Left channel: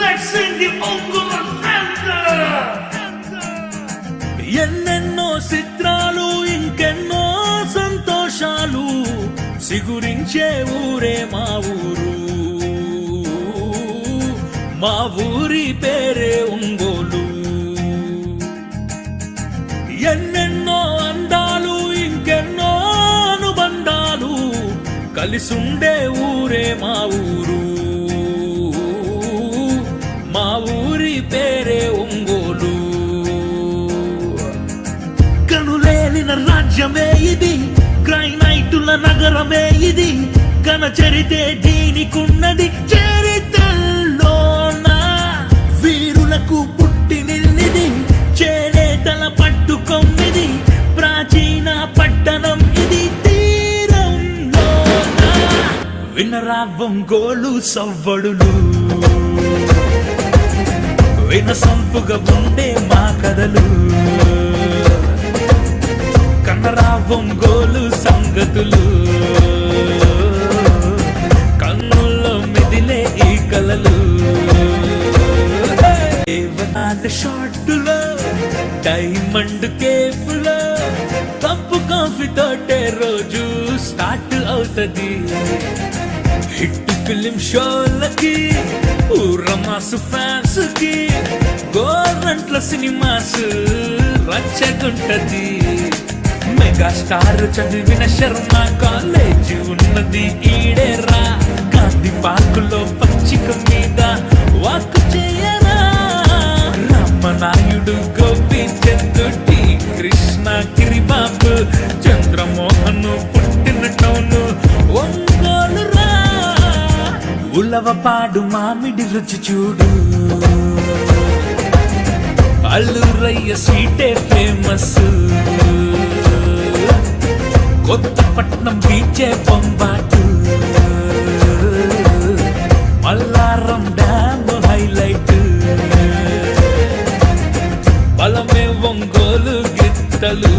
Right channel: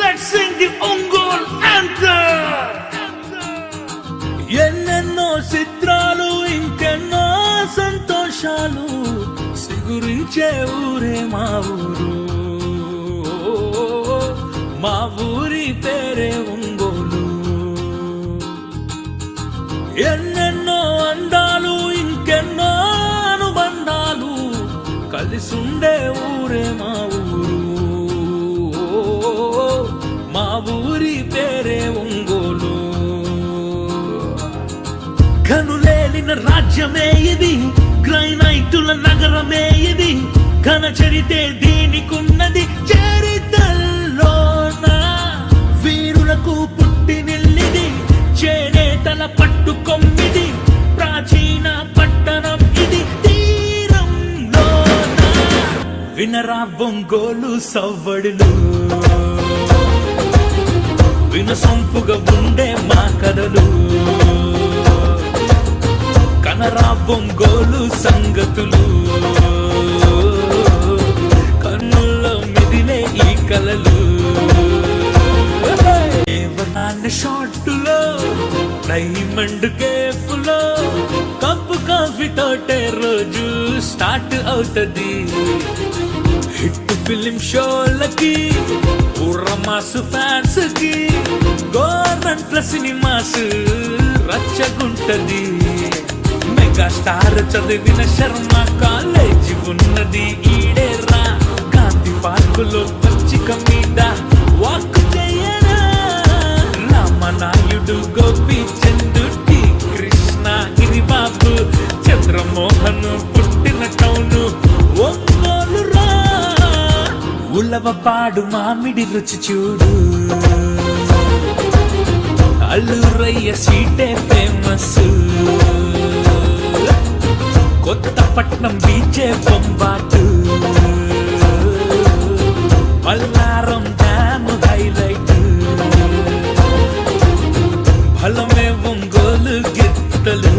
Let's sing the Ongol anthem. ఎన్నెన్నో చిత్రాలు ఇంకెన్నో సంతోషాలు సిగురించే ఊరే మా ఊరు. మా ఊరి పేరే ఒంగోలు. ఎన్నెన్నో అందాలు ఇంకెన్నో అనుబంధాలు కలిసుండే ఊరే మా ఊరు. మా ఊరి పేరే ఒంగోలు. కనులేలిన రాజ్యమే ఇది, గ్రైనైటుల నగరమే ఇది. ఘన చరితే దీనికున్నది చరిత్రలోన. వీరులకు పుట్టి నిల్లిది, చేనేతల పట్టుకొమ్మిది. ప్రాచీన పట్టణం ఇది తీరంలోన. వినరా ఒంగోలు సవ్వడులు, వినసొంపుగా ఉండే మా కథలు. కనరా ఒంగోలు సంగతులు, కన్నుల్లో మెదిలే ఈ కలలు. షార్టులో డైమండ్ కేఫ్లో కప్పు కాఫీ తోటే రోజు స్టార్ట్ అవుతది. హిట్ ఫిలిం షోలకి, ఊరమాసు ఫ్యాన్స్ కి, గవర్నమెంట్ల సినిమాస్ రచ్చగుంటది. మెగాస్టార్ చదివిన శర్మ కాలేజీ ఉన్నది ఈడేరా. గాంధీ పార్కులో పచ్చిక మీద వాక్ చేయరా. రామనాయుడు, గోపీచంద్, టి కృష్ణ, గిరిబాబు, చంద్రమోహన్ పుట్టిన టౌన్ ఒంగోలు రా. ఉలవపాడు మామిడి రుచి చూడు, అల్లూరయ్య సీటే ఫేమస్. కొత్తపట్నం బీచే బొంబాటు, మల్లారం డ్యామ్ హైలైట్. బలమే ఒంగోలు గిత్తలు.